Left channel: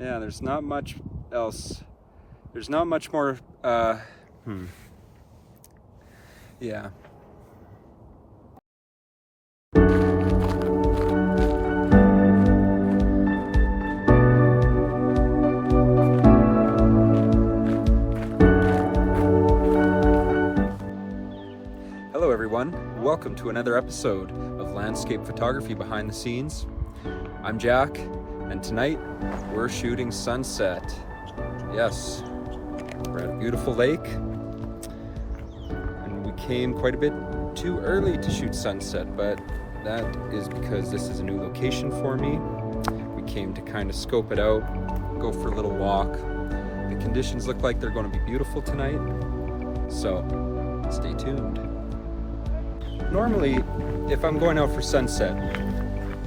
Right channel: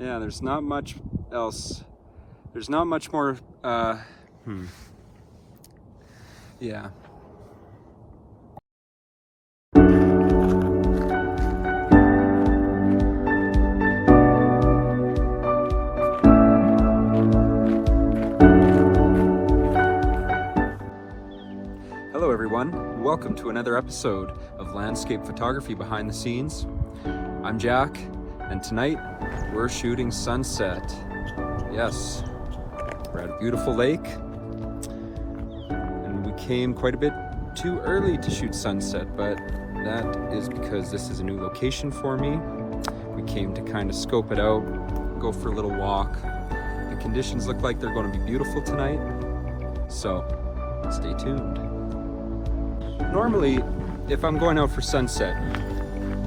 Yeah, there's not much else. There's not much more, yeah. Hello everyone, welcome to another episode of Landscape Photography Behind the Scenes. I'm Jack, and tonight we're shooting sunset. Yes, we're at a beautiful lake, and we came quite a bit too early to shoot sunset, but that is because this is a new location for me. We came to kind of scope it out, go for a little walk. The conditions look like they're going to be beautiful tonight, so stay tuned. Normally, if I'm going out for sunset,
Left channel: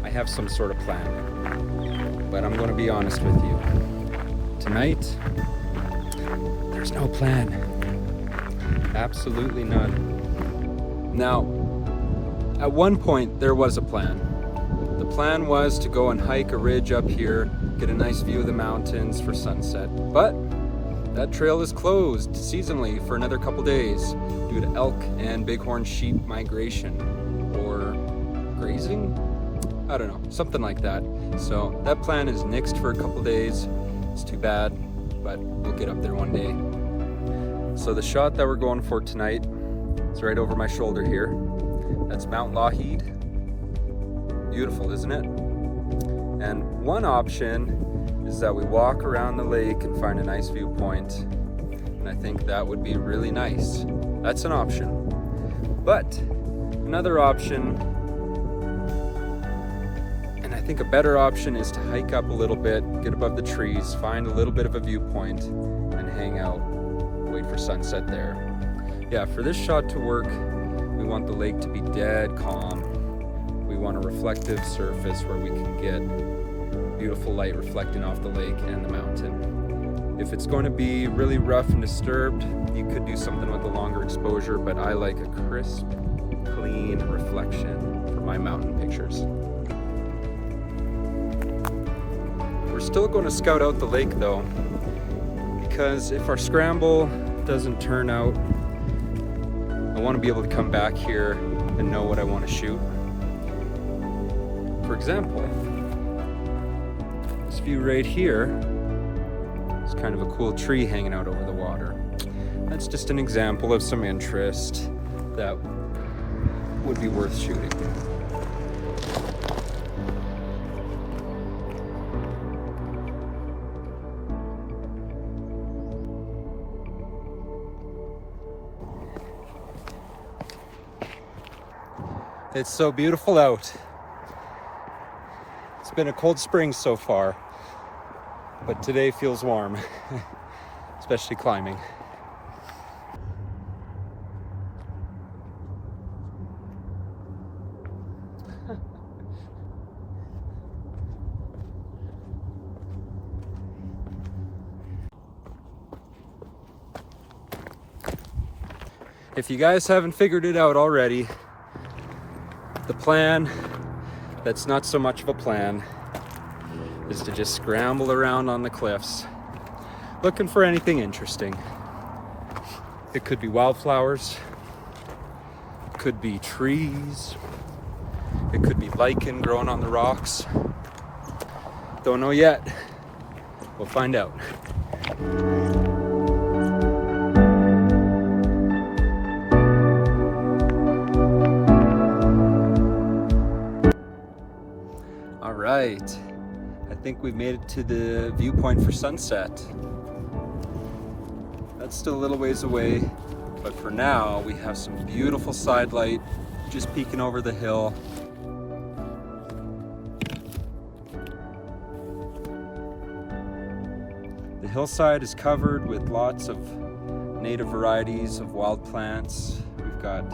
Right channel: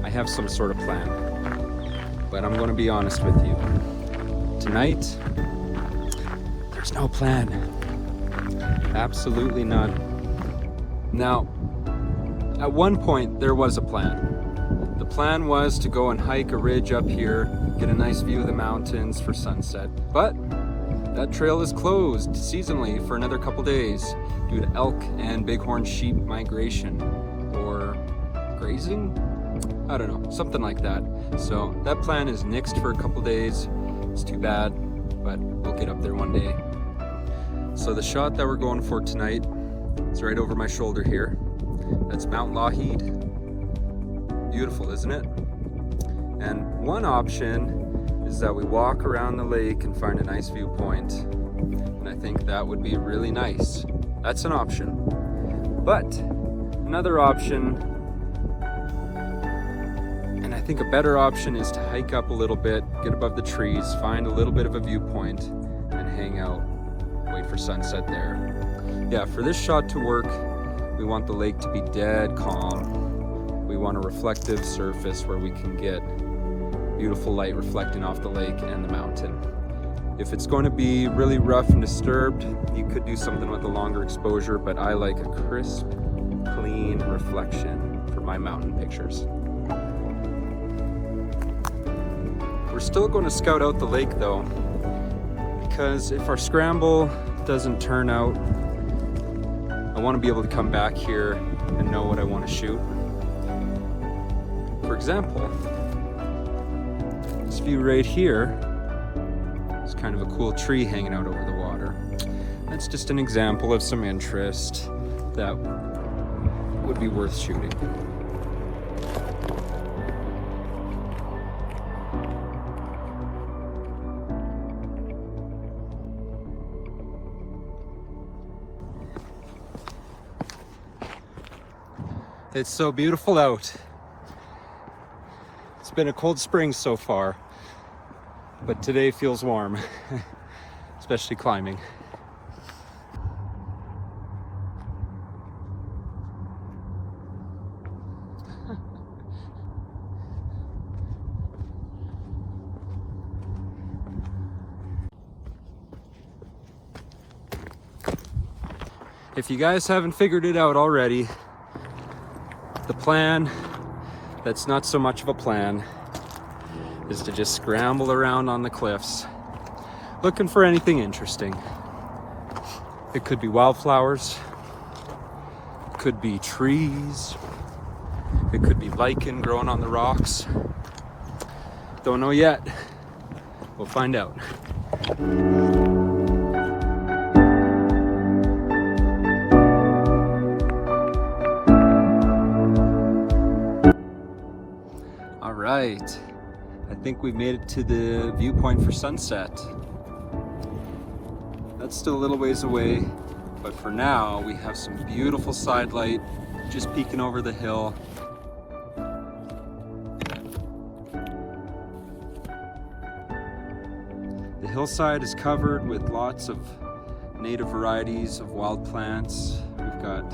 I have some sort of plan, but I'm going to be honest with you. Tonight, there's no plan. Absolutely none. Now, at one point, there was a plan. The plan was to go and hike a ridge up here, get a nice view of the mountains for sunset, but that trail is closed seasonally for another couple days due to elk and bighorn sheep migration or grazing? I don't know, something like that. So that plan is nixed for a couple days. It's too bad, but we'll get up there one day. So the shot that we're going for tonight is right over my shoulder here. That's Mount Lougheed. Beautiful, isn't it? And one option is that we walk around the lake and find a nice viewpoint. And I think that would be really nice. That's an option. But another option, and I think a better option, is to hike up a little bit, get above the trees, find a little bit of a viewpoint, and hang out, wait for sunset there. Yeah, for this shot to work, we want the lake to be dead calm. We want a reflective surface where we can get beautiful light reflecting off the lake and the mountain. If it's going to be really rough and disturbed, you could do something with a longer exposure, but I like a crisp, clean reflection for my mountain pictures. We're still going to scout out the lake though, because if our scramble doesn't turn out, I want to be able to come back here and know what I want to shoot. For example, this view right here is kind of a cool tree hanging out over the water. That's just an example of some interest that would be worth shooting. It's so beautiful out. It's been a cold spring so far, but today feels warm, especially climbing. If you guys haven't figured it out already, the plan that's not so much of a plan is to just scramble around on the cliffs looking for anything interesting. It could be wildflowers, it could be trees, it could be lichen growing on the rocks. Don't know yet. We'll find out. All right, I think we've made it to the viewpoint for sunset. That's still a little ways away, but for now we have some beautiful side light just peeking over the hill. The hillside is covered with lots of native varieties of wild plants. We've got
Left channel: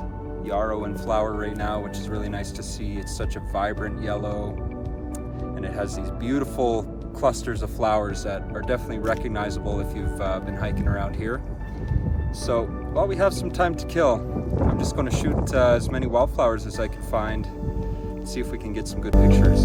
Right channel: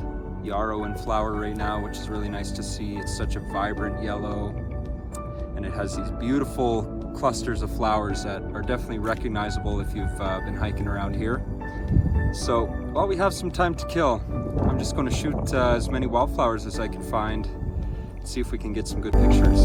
yarrow in flower right now, which is really nice to see. It's such a vibrant yellow, and it has these beautiful clusters of flowers that are definitely recognizable if you've been hiking around here. So while we have some time to kill, I'm just going to shoot as many wildflowers as I can find, see if we can get some good pictures.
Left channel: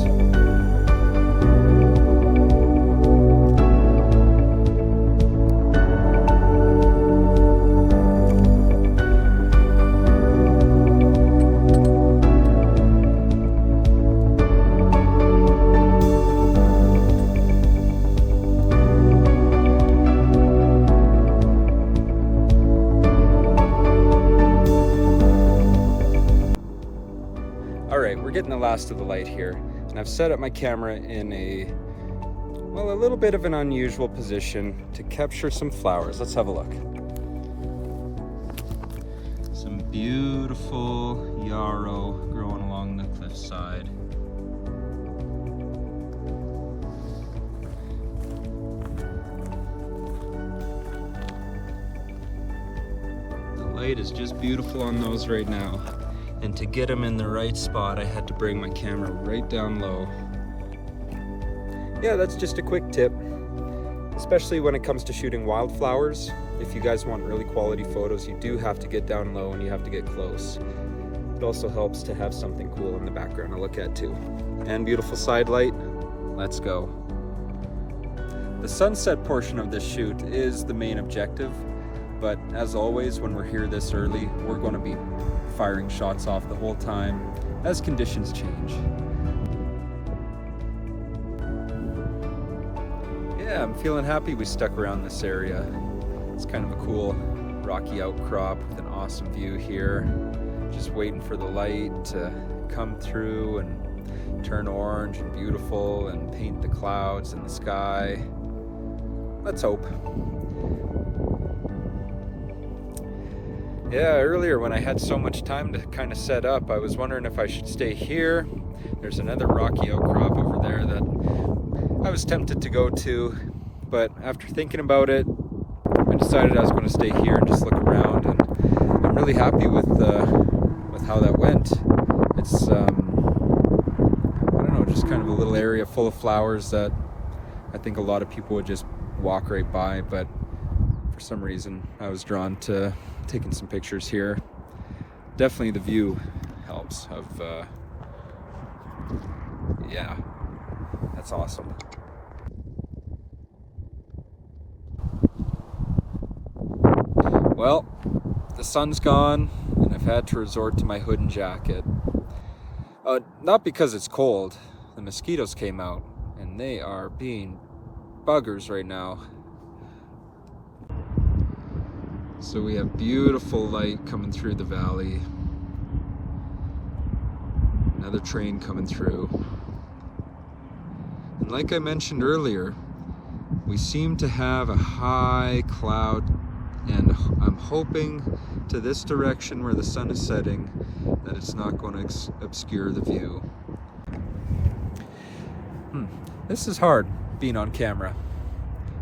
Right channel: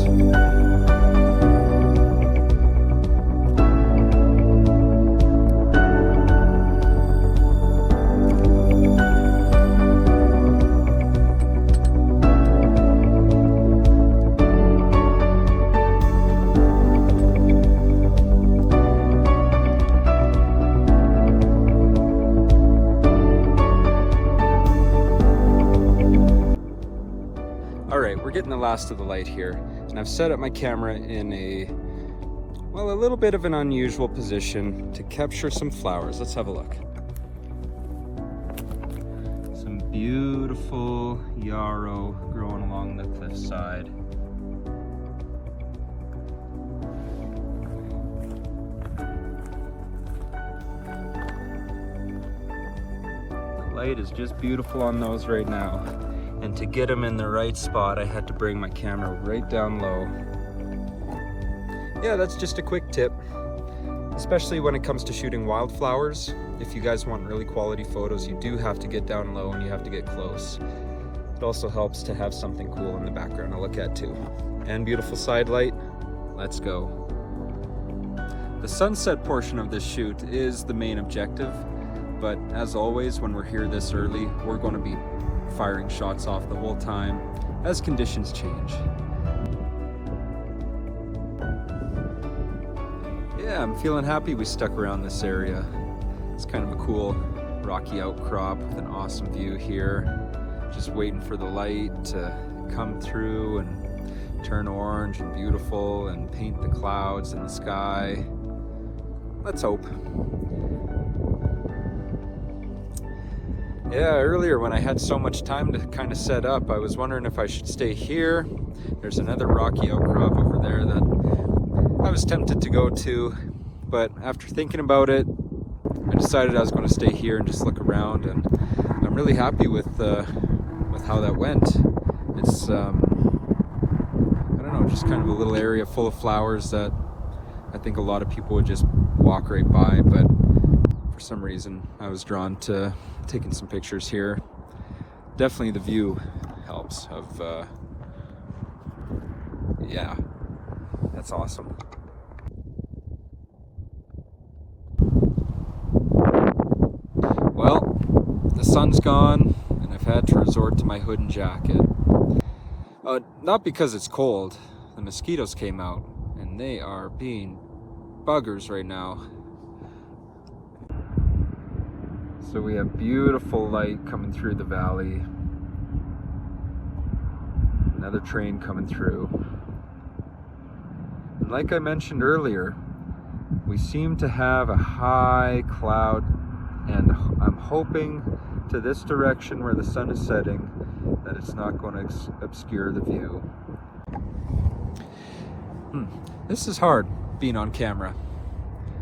getting the last of the light here, and I've set up my camera in a little bit of an unusual position to capture some flowers. Let's have a look. Some beautiful yarrow growing along the cliffside. The light is just beautiful on those right now. And to get them in the right spot, I had to bring my camera right down low. Yeah, that's just a quick tip, especially when it comes to shooting wildflowers. If you guys want really quality photos, you do have to get down low and you have to get close. It also helps to have something cool in the background to look at too. And beautiful side light. Let's go. The sunset portion of this shoot is the main objective, but as always, when we're here this early, we're going to be firing shots off the whole time as conditions change. Yeah, I'm feeling happy we stuck around this area. It's kind of a cool rocky outcrop with an awesome view here. Just waiting for the light to come through and turn orange and beautiful and paint the clouds in the sky. Let's hope. Yeah, earlier when I had so much time to kind of set up, I was wondering if I should stay here. There's another rocky outcrop over there that I was tempted to go to, but after thinking about it, I decided I was going to stay here and just look around, and I'm really happy with how that went. It's I don't know, just kind of a little area full of flowers that I think a lot of people would just walk right by, but for some reason I was drawn to taking some pictures here. Definitely the view helps of yeah, that's awesome. Well, the sun's gone and I've had to resort to my hood and jacket. Not because it's cold. The mosquitoes came out and they are being buggers right now. So we have beautiful light coming through the valley. Another train coming through. And like I mentioned earlier, we seem to have a high cloud, and I'm hoping to this direction where the sun is setting that it's not going to obscure the view. This is hard, being on camera.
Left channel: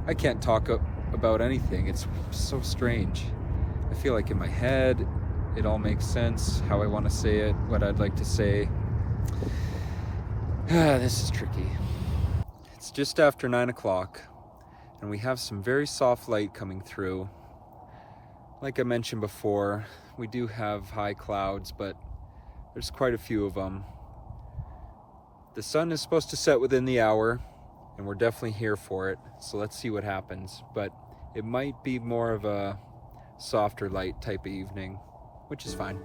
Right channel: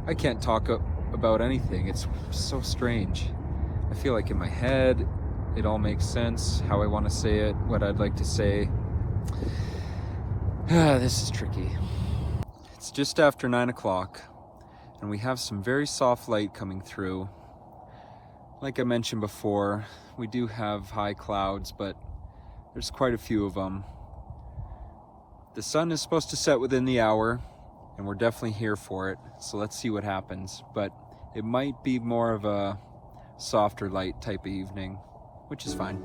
I can't talk about anything. It's so strange. I feel like in my head it all makes sense, how I want to say it, what I'd like to say. This is tricky. It's just after 9 o'clock and we have some very soft light coming through. Like I mentioned before, we do have high clouds, but there's quite a few of them. The sun is supposed to set within the hour, and we're definitely here for it, so let's see what happens. But it might be more of a softer light type of evening, which is fine.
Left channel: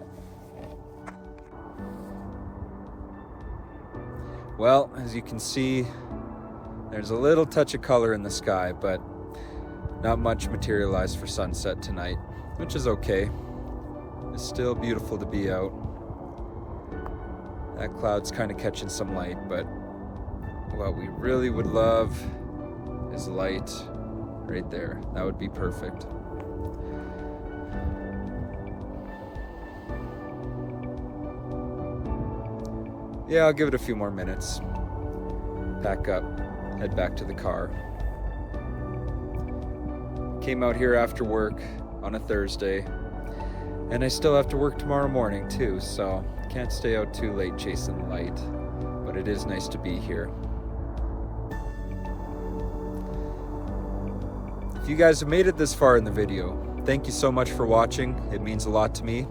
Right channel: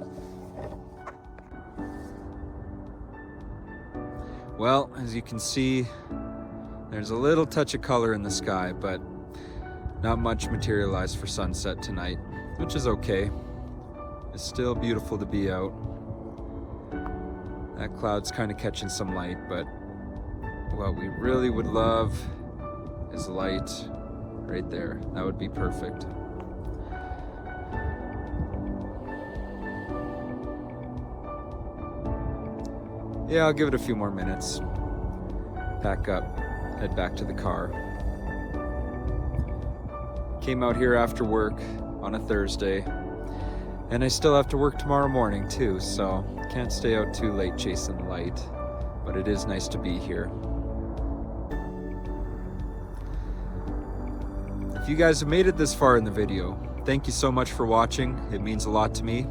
Well, as you can see, there's a little touch of color in the sky, but not much materialized for sunset tonight, which is okay. It's still beautiful to be out. That cloud's kind of catching some light, but what we really would love is light right there. That would be perfect. Yeah, I'll give it a few more minutes. Pack up, head back to the car. Came out here after work on a Thursday, and I still have to work tomorrow morning too, so can't stay out too late chasing the light, but it is nice to be here. If you guys have made it this far in the video, thank you so much for watching. It means a lot to me.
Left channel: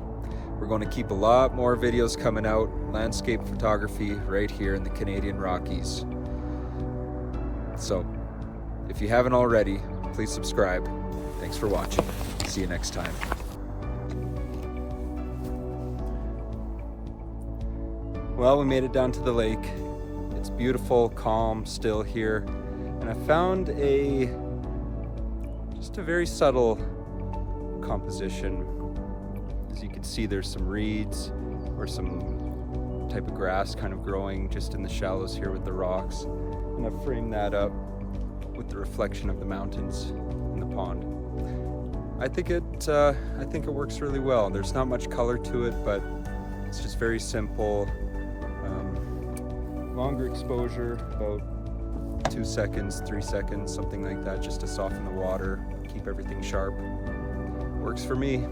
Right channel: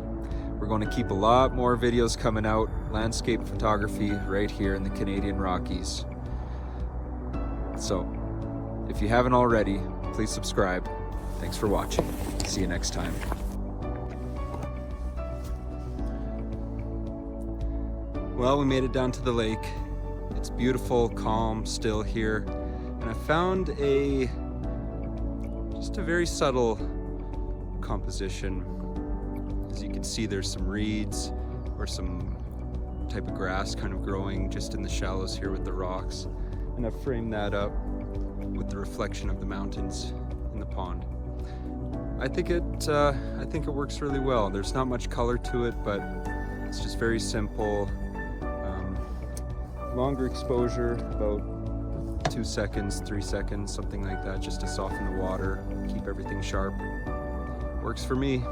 We're going to keep a lot more videos coming out, landscape photography right here in the Canadian Rockies. So, if you haven't already, please subscribe. Thanks for watching. See you next time. Well, we made it down to the lake. It's beautiful, calm, still here. And I found just a very subtle composition. As you can see, there's some reeds or some type of grass kind of growing just in the shallows here with the rocks. And I've framed that up with the reflection of the mountains in the pond. I think it works really well. There's not much color to it, but it's just very simple. Longer exposure, about 2 seconds, 3 seconds, something like that, just to soften the water, keep everything sharp. Works for me.